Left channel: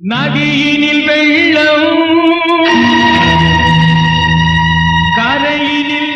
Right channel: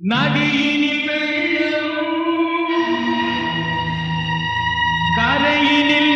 நதியினில் வெள்ளம் கரையினில்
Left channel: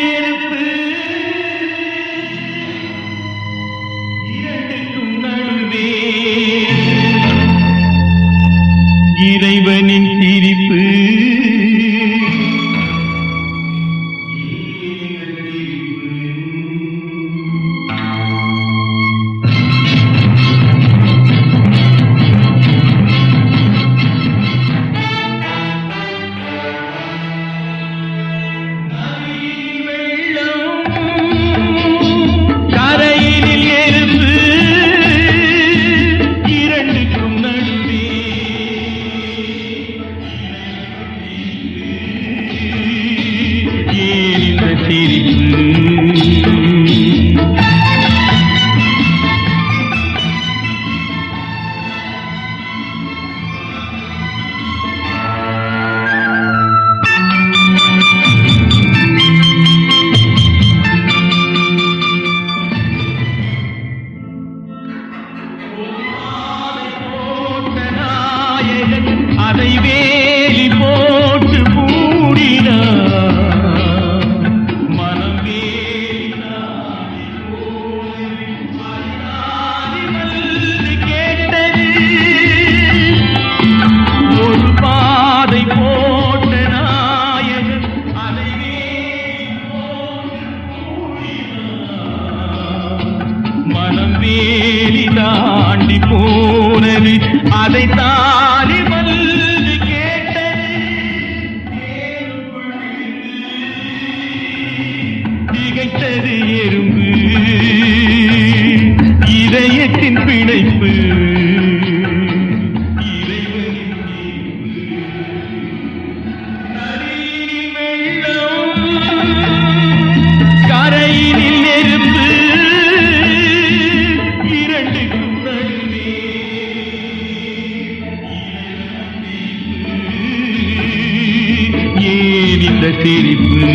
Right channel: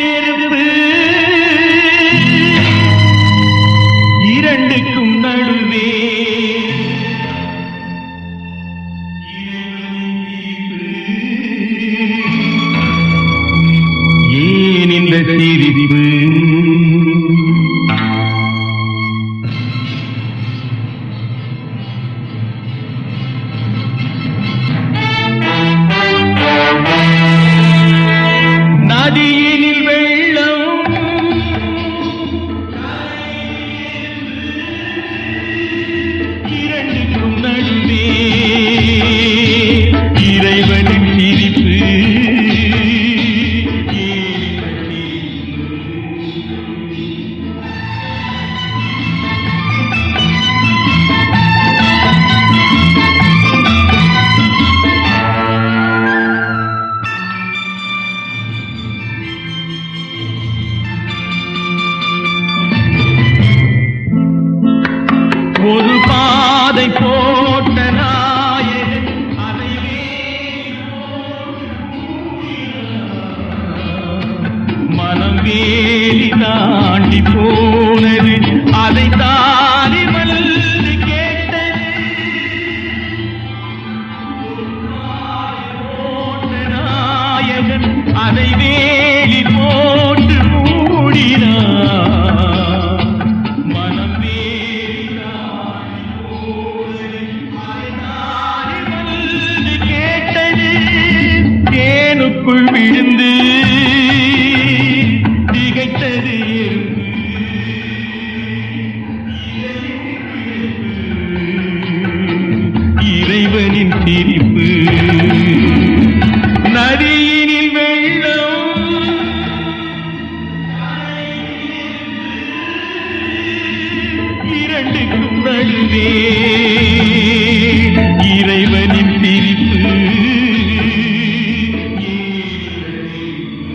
சிரிப்பு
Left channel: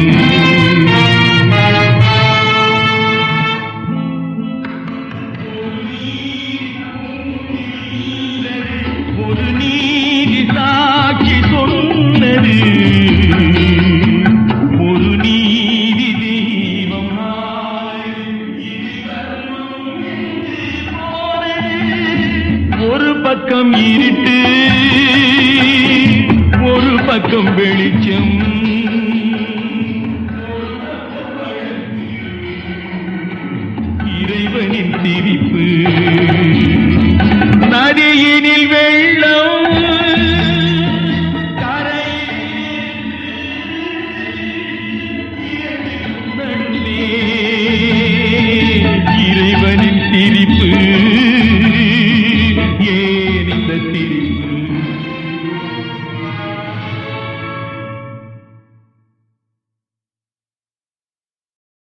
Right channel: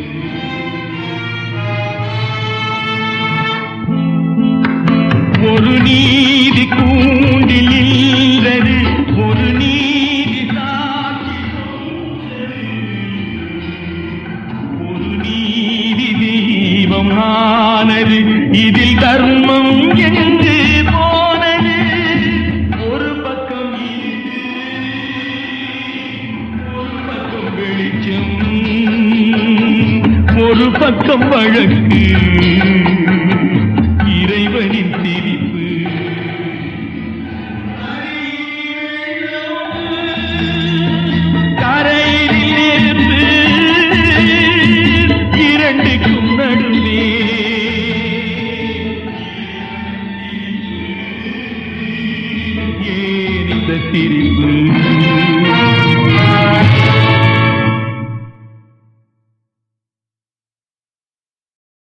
ஒரு நீதி கூண்டில் இல்லது ஒரு நீதி சாட்சி சொன்னது. ஒரு நீதி தெய்வம் ஆனது இதில் தர்மம் என்று போனது. ஒரு பக்கம் இருட்டு பக்கம் வெளிச்சம் பக்கம் வழக்கு. இறைவனின் சிரிப்பு